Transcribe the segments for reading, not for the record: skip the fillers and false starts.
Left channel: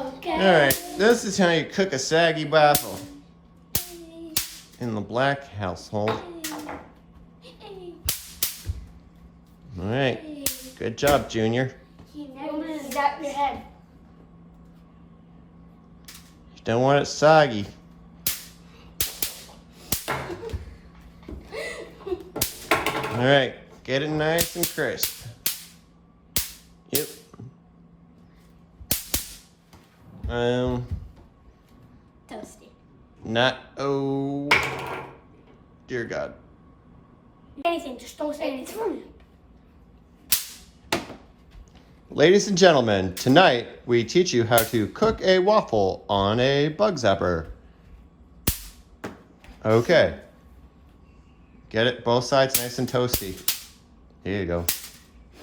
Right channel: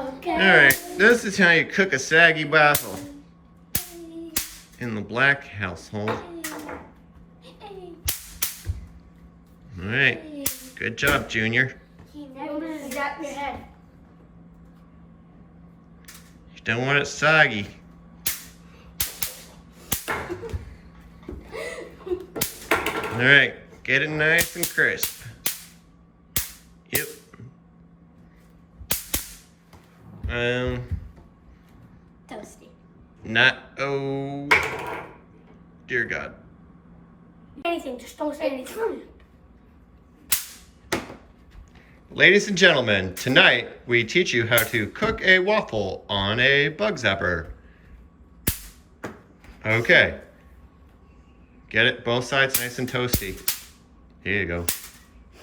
Okay. Alright, this is how you cook a saggy waffle in the Black household. Alright, good job, Junior. Zap your head. You don't want it soggy. Alright, get it nice and crisp. Yep. Toasty. Not, oh, dear God. Anything, just don't say anything. Ladies and gentlemen, tonight we teach you how to cook a waffle on a Bug Zapper. Okay. Get it both sides nice and toasty. Here you go.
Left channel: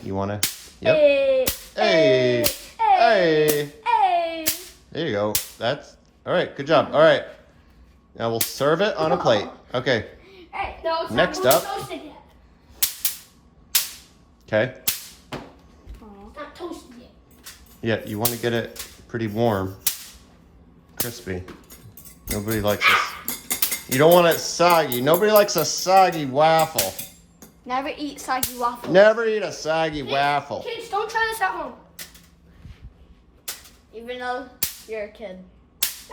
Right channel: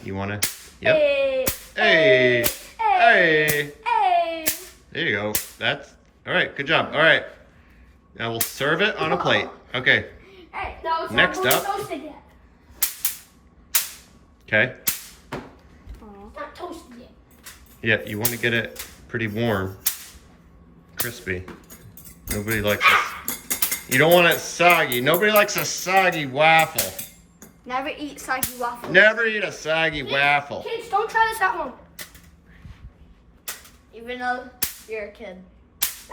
You wanna? Yep. Hey. Hey. Hey. Hey. There you go. That's all right. Good job. All right. Now we'll serve it on a plate. Okay. Hey, no, it's Next not up. toasted yet. Okay. It's not toasted yet. Yeah, you want to get it pretty warm, crispy. Nobody likes this. You don't want it soggy. Nobody likes a soggy waffle. Never eat soggy waffles. Never eat a soggy waffle. Kids, don't try this at home. Even though you're a kid.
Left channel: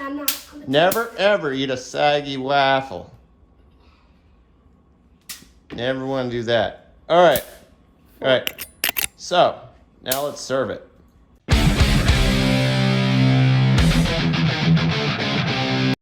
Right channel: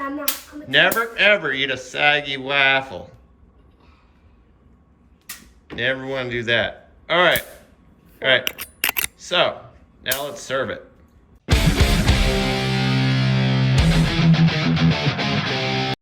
I'm not. I'm a kid. Never ever eat a soggy waffle. Never want to do that. All right. All right. So now let's serve it.